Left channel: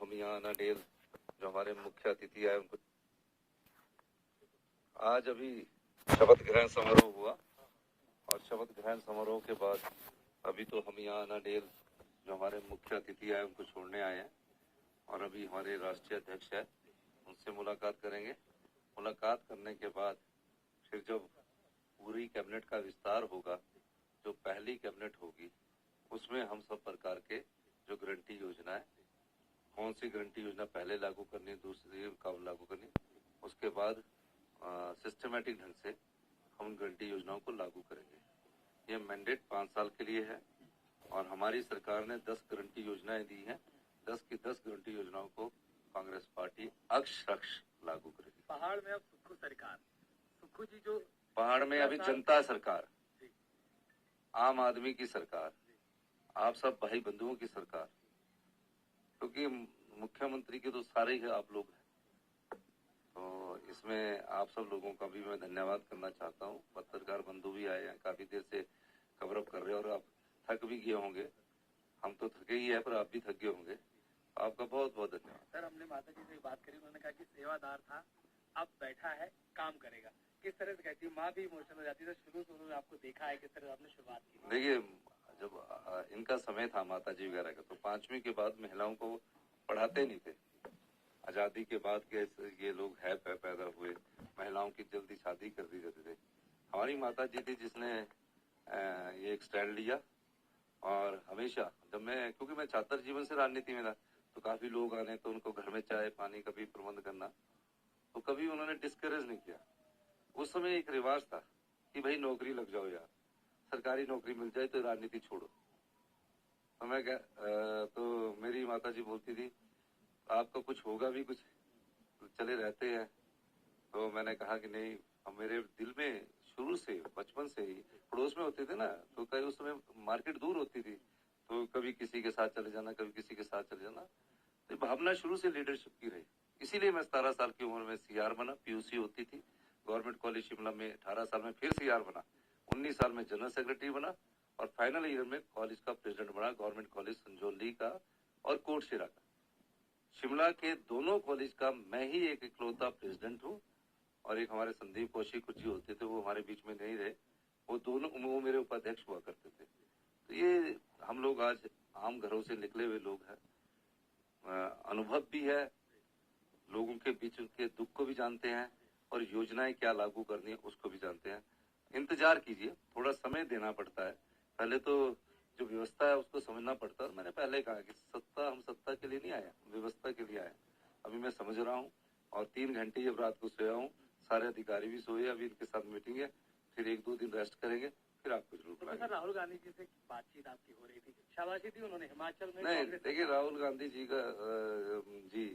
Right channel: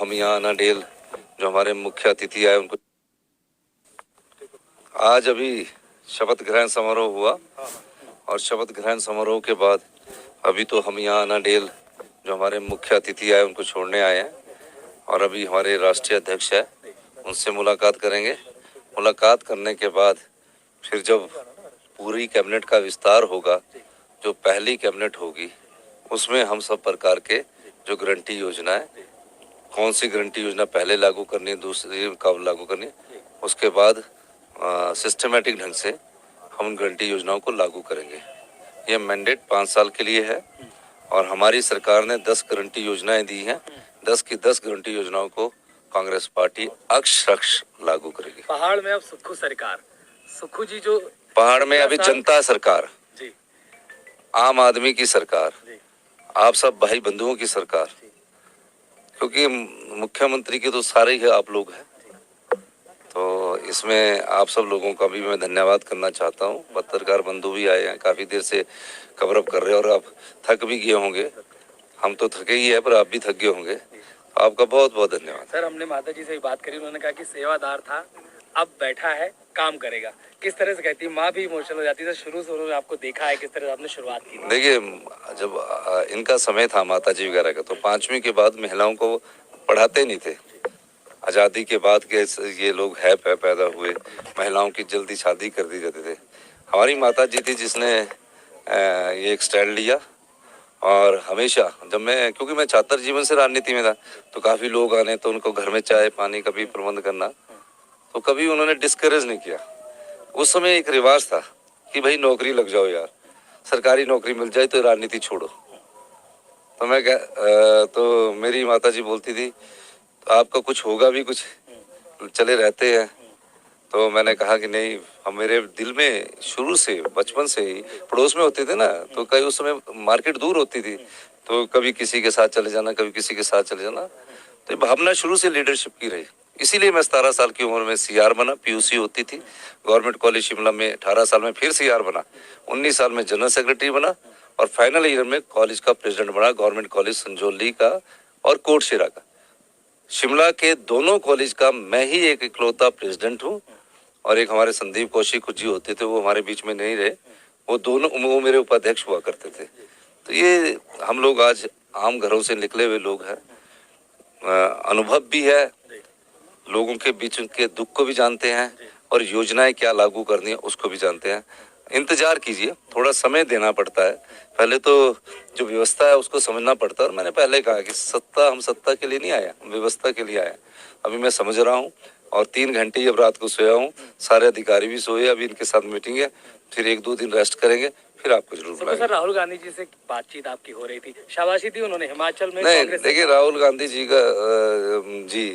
हम यहाँ अनाडेल जो हमारे मुख्य अतिथि आए उनको आज अभी शपथ ग्रहण समारोह हुआ और शपथ ग्रहण समारोह के बाद अभी तो हम यहाँ अनाडेल जो हमारे मुख्य अतिथि आए उनको छोड़ने आए हैं और अभी हमारे राष्ट्रीय अध्यक्ष है उनसे मुलाकात करेंगे। मुलाकात करने के बाद फिर जब पूरी कैबिनेट का विस्तार होगा, जो पहली कैबिनेट होगी, उसमें हम सब प्रकार के जो गारंटी योजना है, कौन सी गारंटी योजना पहले लागू करनी है, दूसरी कब लागू करनी है, उसके बाद सिस्टमेटिक ढंग से हम उन गारंटी योजनाओं को लागू करेंगे। ये मैंडेट 5 साल के लिए है और हमारी सरकार ने 10 गारंटी योजनाएं दी हैं। 10 की 10 गारंटी योजनाओं को कांग्रेस पार्टी अक्षरश लागू करेगी। पहाड़ में अब सुक्खू सरकार, सुक्खू जी जो पहाड़ में अभी जनता सरकार जी, आम आदमी की सरकार, आप सब भाई बंधुओं की सरकार, क्योंकि मुख्यमंत्री के तो सारे ही आप लोग हैं, तो इसमें आप सब लोगों का भी मैं धन्यवाद करना चाहता हूँ। पत्रकार बंधु भी आए हैं, काफी देर से कवरअप कर रहे हैं और आप थक भी गए होंगे। हम तो थके ही है पर आप भी थक गए होंगे। आपका बहुत बहुत धन्यवाद। सर, हमने माता जी से बात करी, उन्होंने कहा कि सेवादार था, अब बैठा है, काम करेगा। किस तरह से कहती है, माँ भी इमोशनल हो जाती है। शुरू से आपको देखा है, किस तरह से आपने शुरुआत की? देखिए, जब इनका समय था माता जी वगैरह का, तो 5वीं के बाद महिलाओं को पढ़ाते नहीं थे। आज़ादी के बाद के ये लोग है पैदा हुए, महिलाओं की जल्दी शादी कर दी जाती थे। हमारी माता जी थी जिसने ये एक स्टैंड लिया और हमेशा जब मैं, क्योंकि मैं छात्र जीवन से राजनीति में था, तो काफ़ी लोग आने तो उनको घर में चाय पानी का भी प्रबंध करना, तो कभी उन्होंने डिस्करेज नहीं किया। उस समय एक रिवाज था कि भाई नौकरी लग जाओ यार, सरकारी नौकरी मिल जाए तो राजनीति छोड़ो। तो मैं तो मेरी माता जी बोलती थी आपका कुछ होगा भी, कुछ चले रहते हैं। तो मैंने कहा कि नहीं, हम मेरे दिल में शुरू से बचपन से ही पड़ोस में होते थे ना, तो कई उस समय मार्केट दूर होती थी, तो कभी किसी के साथ चले जाना, कभी किसी के साथ चले जाना, तो भावना शुरू से लीडरशिप की रही। इसीलिए मैं 17 साल की उम्र में सीआर बना। पीयूसी होती थी गवर्नमेंट कॉलेज शिमला में, 18 साल में फिर सीआर बना, 19 साल में जनरल सेक्रेटरी बना और फाइनल ईयर में कॉलेज का प्रेसिडेंट बना, गवर्नमेंट कॉलेज संजौली का और कोटशिरा का। शिमला के दोनों कॉलेज का मैं ही एक इकलौता प्रेसिडेंट हूँ और एक हमारे संदीप कौशिक जी होते थे, वो हमारे बीच में नहीं रहे, वो मेरे उपाध्यक्ष हुआ करते थे। तो ये हम लोग आज आम घरों से निकले हुए लोग हैं, अनुभव भी है, लोगों के बीच के दुख को भी जानते हैं और योजनाएं क्या लागू करनी है उसको भी जानते हैं। इंतजार कीजिए, थोड़ा समय देना पड़ता है, पहले तो जो व्यवस्था है उसको समझना पड़ता है। और मैंने पहले कहा कि हम सत्ता के लिए नहीं आया, व्यवस्था के लिए आया। अभी मैं समझ रहा हूँ और 3 घंटे अब रात को सोया हूँ, सारे अधिकारी भी सोए, अभी इनके साथ मीटिंग है, फिर 1-2 दिन रेस्ट करेंगे, फिर आपको जरूर बुलाएंगे। सर, राहुल गांधी जी से बातचीत आपकी हो रही थी, शाबाशी दी उन्होंने हिमाचल में? नहीं, देखिए राहुल गांधी जी का जी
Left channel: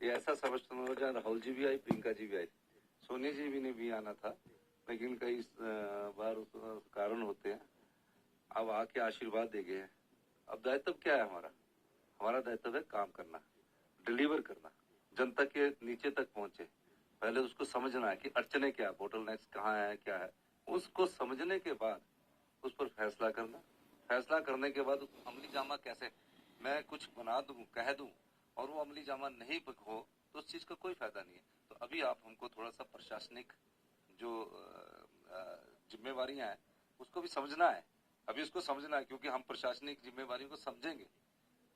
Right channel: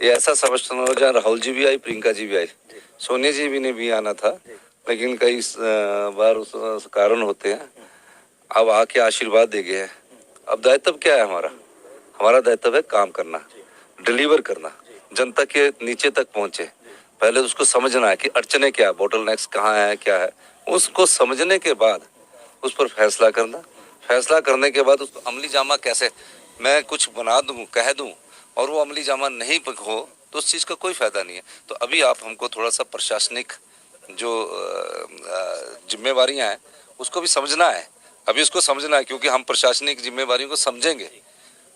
ये ऐसा समझना हो, जहाँ राहुल जी भी आई, प्रियंका जी भी आई, सोनिया जी भी ने भी आना था, लेकिन कई बार उस कारण होते हैं। अब आके आशीर्वाद दे गए हैं। अब दायित्व क्या है हमारा? हमारा दायित्व है काम करना, डिलीवर करना, जनता के नीचे तक पहुंचे। पहले उसको समझना है कि अड़चने क्या है, बोटल नेक्स कहाँ है, क्या है, उसको समझने के बाद उस पर फैसला करना। फैसला करने के बाद उसको अमली जामा कैसे, मैं कुछ बना दूं, कह दूं और वो अमली जामा नहीं हो तो उस चीज़ का कोई फायदा नहीं है। तो अभी आप हमको थोड़ा सा प्रशासनिक जो जिम्मेवारियां हैं उसको भी समझना है, अभी उसको समझना है, क्योंकि हम प्रशासनिक जिम्मेवारियों को समझेंगे।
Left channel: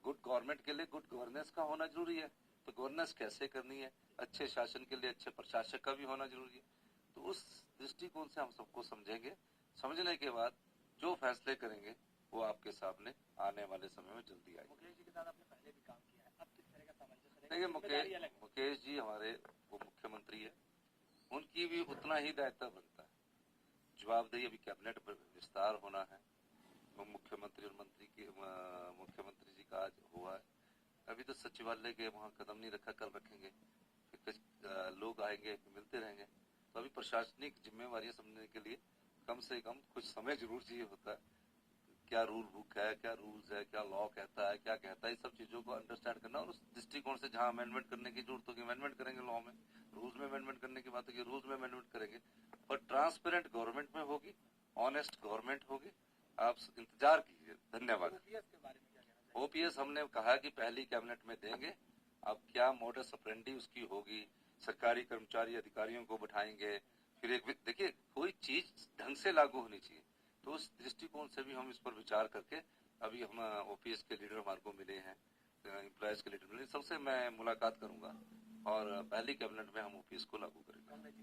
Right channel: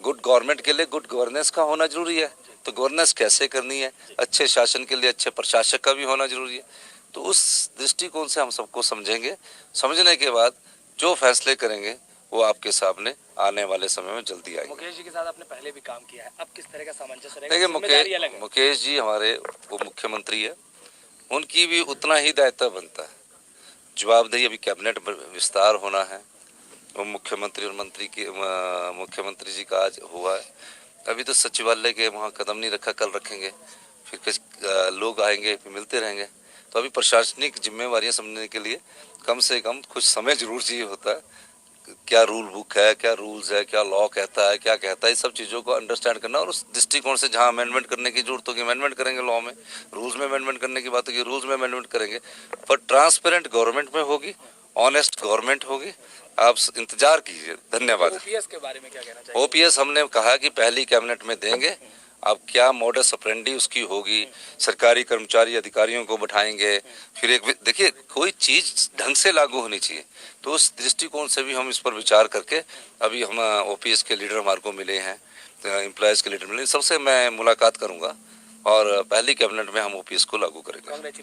गुड गवर्नमेंट के लिए गुड गवर्नेंस का होना जरूरी है, तो गवर्नेंस कैसे करनी है, अच्छे शासन के लिए अच्छे प्रशासक का भी होना जरूरी है। तो उस दृष्टिकोण से हम सबको समझेंगे, समझने के बाद जो फैसले करेंगे वो आपके सामने आने वाले समय में जल्दी आएंगे। मुकेश जी के साथ आपने पहले भी काम किया है, अब किस तरह का सामंजस्य रहेगा? देखिए, मुकेश जी हमारे वो मुख्यमंत्री है, उनकी भी उतना ही दायित्व बनता है, जवाबदेही। अभी कैबिनेट विस्तार होना है, वो मुख्यमंत्री और मंत्री की मुख्यमंत्री जी का आज हुआ है, अभी तो सचिवालय के वहाँ कदम नहीं रखा, कल रखेंगे, फिर कुछ लोग आएंगे, फिर मिलते रहेंगे। तो अभी प्रशासनिक जिम्मेवारियां समझने के लिए कम से कम कुछ समय जरूर चाहिए होता है। क्या रूल बुक है, क्या रूल्स है, क्या लॉ कहता है, क्या कहता है, इस सब चीज़ों को अंडरस्टैंड करना और उस दृष्टिकोण से जहाँ अमेंडमेंट करने की जरूरत होगी अमेंडमेंट करेंगे, लॉ में, रूल्स में अमेंडमेंट करने की बात होगी, रूल्स में अमेंडमेंट करेंगे, पर ट्रांसपेरेंट गवर्नमेंट में होगी, ऑनेस्ट गवर्नमेंट होगी, आप इंतजार कीजिए। धन्यवाद। ओपीएस के बारे में क्या कहना चाहिए? ओपीएस हमने कहा कि पहली कैबिनेट में देंगे। अब क्या मोडस ऑपरेंडी उसकी होगी, सरकारी कर्मचारी अधिकारियों को बैठाएंगे, फिर एक देखिए कोई चीज ढंग से लागू होनी चाहिए, तो उस दृष्टिकोण से भी हम इस पर विचार करके अभी हम ओपीएस के लीडर हमारे को मिले हैं, एम्प्लॉयज के लीडर मिले, सबसे मैं मुलाकात करूंगा और पहली कैबिनेट में हम ओपीएस को लागू करेंगे।